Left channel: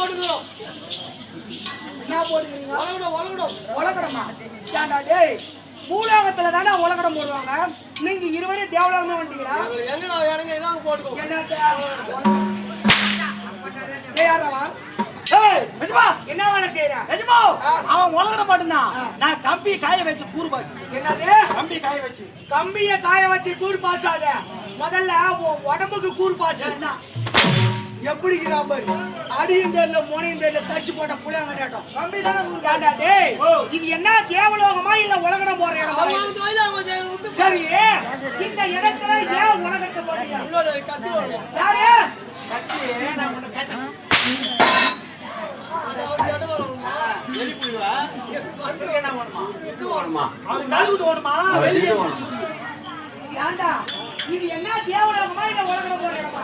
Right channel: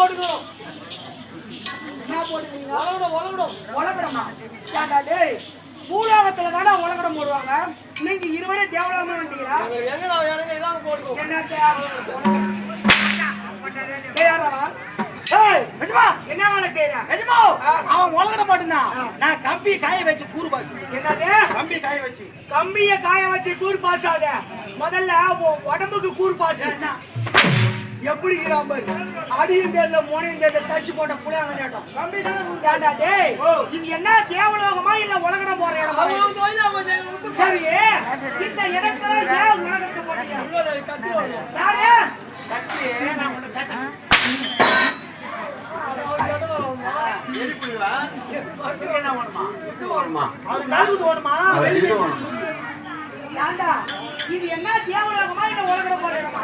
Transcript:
போட்டுக்கிறோம். என்ன போடுவீங்க? உலகடமா? ஏன்டா டேய், பூலோகத்துல தானே உலகடம் போடுவாங்க. நீங்க இருவரே தேவலோகமே வந்துட்டீங்களா? எனக்கு இதாங்க போட்டுக்கிறோம். என்ன வேலை செய்யற? அவன் உலகட மாட்டேன்னா நான் கம்பி காய வச்சு கூறு பாசு. என்னது? கம்பி காய வச்சு. கம்பிய காய வச்சு கூறு பாசாத. முதல்ல உடம்புக்கு கூறு பாசு. எப்படி பாரு, அடியும் தெரியல மோனையும் தெரியல தச்சு போட்ட புளியாங்க கேட்டோம். ஏண்டா டேய், இது என்ன தேவலோகமா இல்ல உலகடம் போற இடமா? சரி, இந்த இடத்துல ஏன் உலகத்தை போட்டீங்க? யாரு கத்தி? நான் உன்னை கேட்டேன். ஏண்டா இது என்ன தேவலோகமா இல்ல உலகடம் போற இடமா?